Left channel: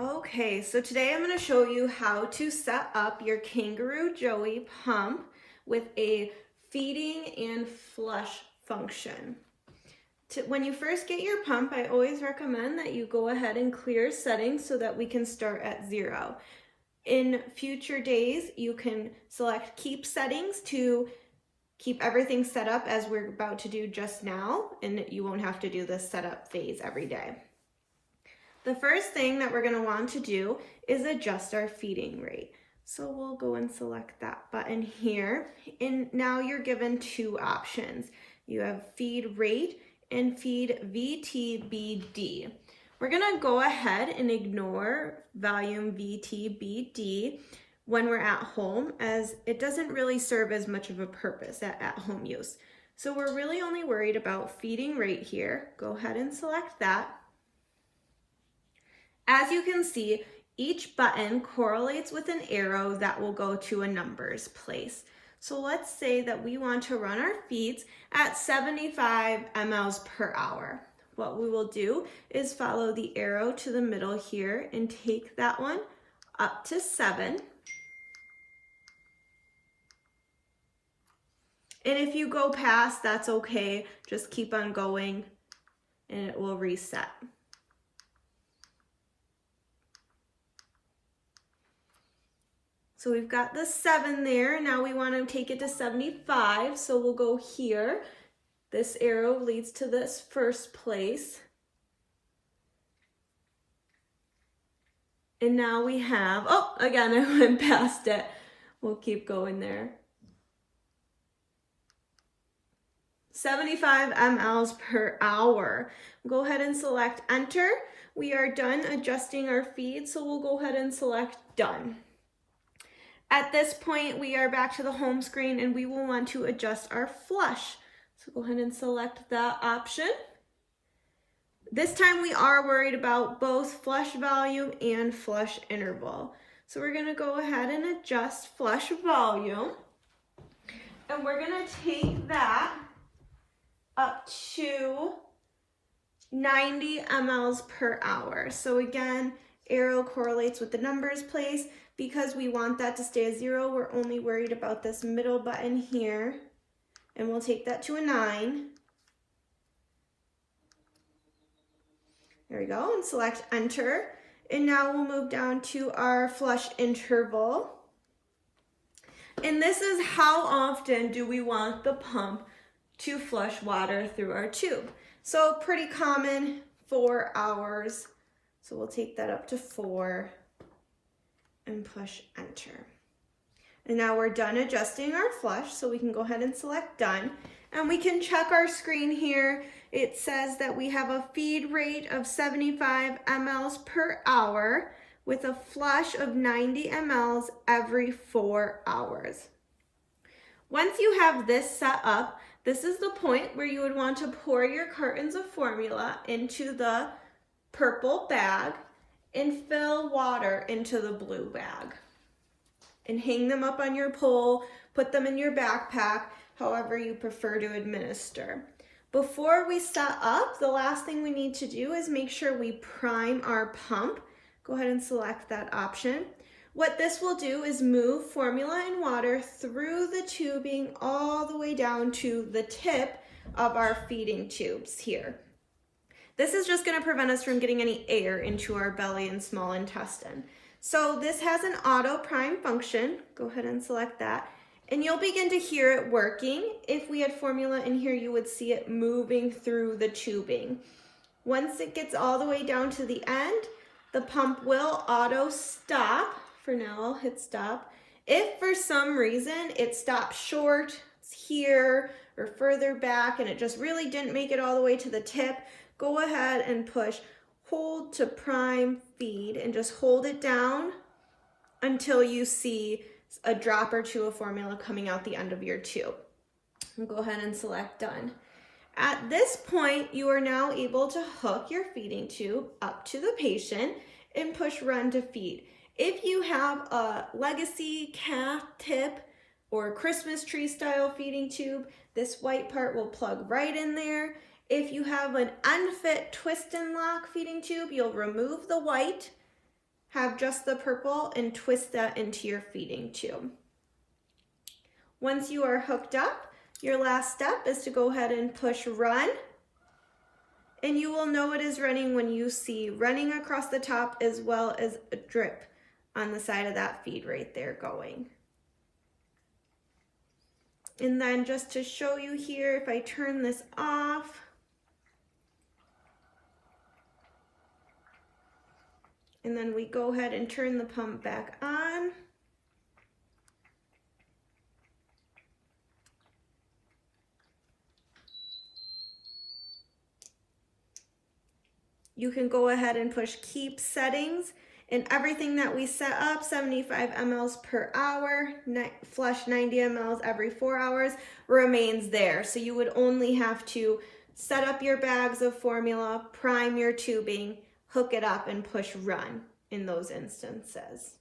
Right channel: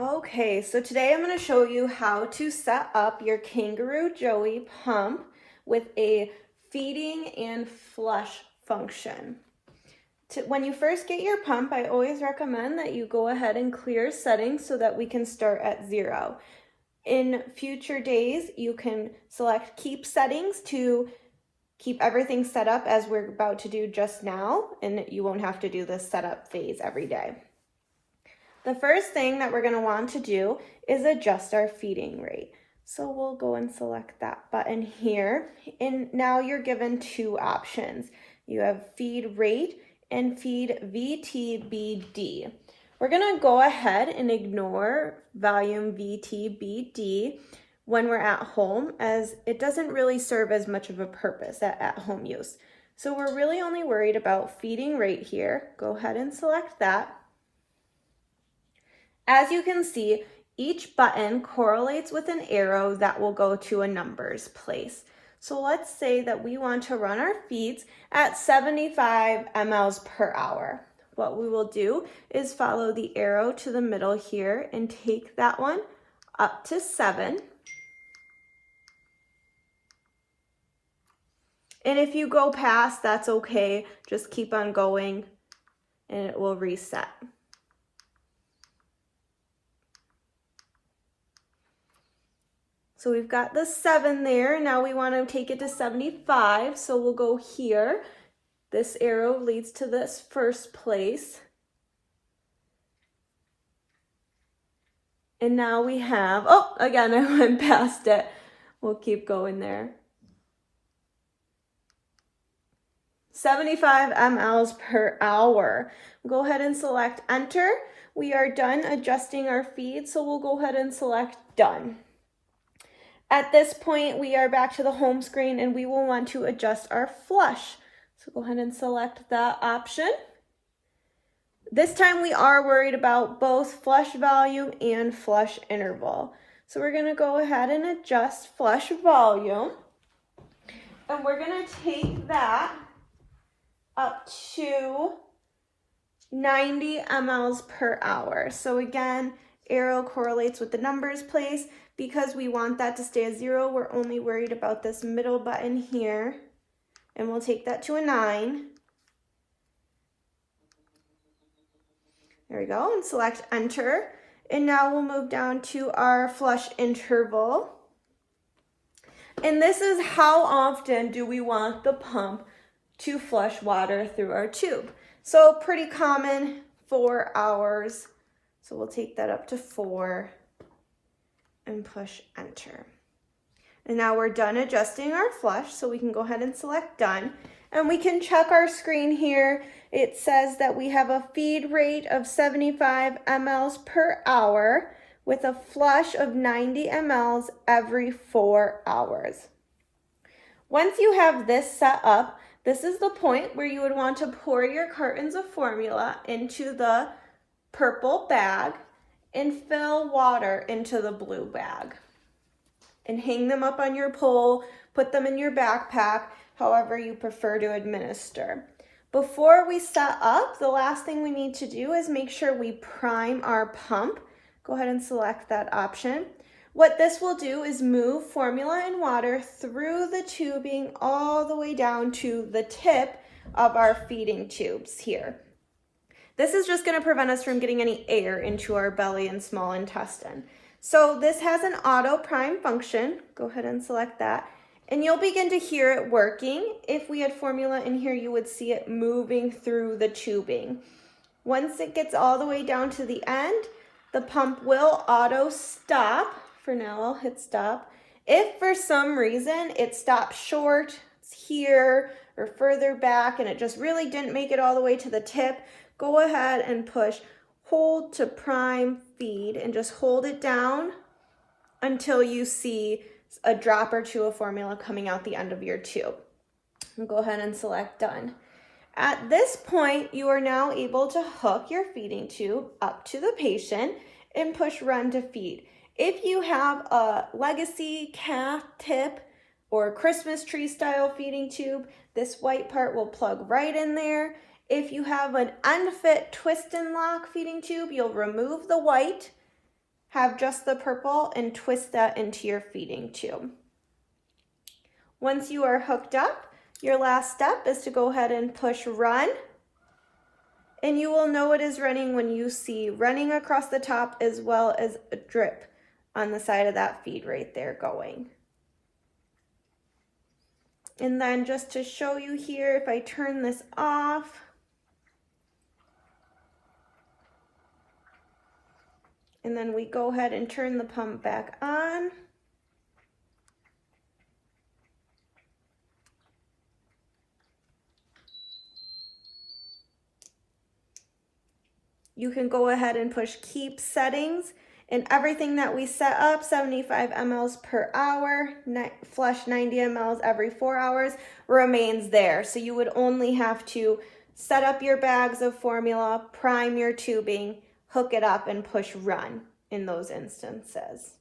Okay, so today I'm going to show you how to set up your Kangaroo Joey pump with a feeding and flush function. When you first get your pump, I always recommend that you go ahead and clear settings so that we can start at 0. In future days, you can select keep settings to keep everything set up as we're about to do just now, and you won't have to do this setup phase every day. The first thing that we're going to want to do is adjust our feeding rate. So we'll go and select that button here. And now you're given two options. You have feed rate and feed VTBD. We're going to go ahead and ignore volume VTBD when we're at home, as it doesn't really serve as much of a purpose at home use. So we're really only worried about feeding rate here. Go ahead and select that. As you can see, each button correlates with an arrow that will go to a numbers place. So let's say that we want to run our feeds at 75 mLs per hour. What we will do is follow the arrow to the middle here and take that one up to 7. And if you go past, that's okay. Just keep on going and it will reset. So we've got the 7 there. Now we want to take it to 75. So we'll go here. This arrow leads to this first place. And now we have, oh, again, I went past it. We'll keep going there. 75 mLs per hour. Go ahead and select enter. We are done adjusting our feed, so we'll go ahead and select done. At this point, we are back to the home screen and we will want to adjust our flush. So go ahead and select that option. This time we are worried about both flush volume and flush interval. So we're gonna go ahead and adjust flush volume. And we're gonna take that up to 90 mLs per hour. So again, arrow correlates with the numbers place. Because we want that to stay at 0, we're only worried about this middle button here. And we'll take that to a 9. There we go, and select enter. And now we'll move down to our flush interval. And this is how often do we want the pump to flush water through our tube. So pretty common, 4 hours. So we'll take that up to 4. And push enter. And now we're done adjusting our flush, so we can go ahead and select done. And we can check our screen here. It says that we have a feed rate of 75 mLs per hour with a flush of 90 mLs every 4 hours. Once you have this set up, this is the point where you would want to pour your cartons of formula into the purple bag and fill water into the blue bag. And hang them up on your pole, put them in your backpack, however you prefer to administer. Before we set up, the last thing we need to do is make sure we prime our pump. Go ahead and select that option. What this will do is move formula and water through the tubing all the way down to the tip of our feeding tubes here. This is just going to prevent us from getting any air into our belly and small intestine. So this has an auto prime function. Go ahead and select that. And you'll begin to hear it working. If we had formula in here, you would see it moving through the tubing. Once it gets all the way down to the end, the pump will auto stop. For now, I'll hit stop. If for some reason it stops short, it's here or further back, and it just really didn't make it all the way to the tip, go ahead and push hold to prime feed and just hold it down until you see a drop or two of formula coming out the end of your tube. And go ahead and select done. At this point, you are now able to hook your feeding tube up to the patient and push run to feed. If you have a legacy calf tip or Christmas tree style feeding tube, this white part will plug right in there. If you have an unfit twist and lock feeding tube, you'll remove the white have just the purple and twist that into your feeding tube. Once you are hooked up, your last step is to go ahead and push run. And you will know it is running when you see running across the top as well as a drip on the side of that feed right there going. And then just to show you here, if I turn this off, and then we go ahead and turn the pump back on. You can go ahead and push keep settings, and everything that we set up, 75 mLs per hour, flush 90 mLs every 4 hours, remains there. So you would only have to set up your bags of formula, prime your tubing, hook it up, and push run in those instances.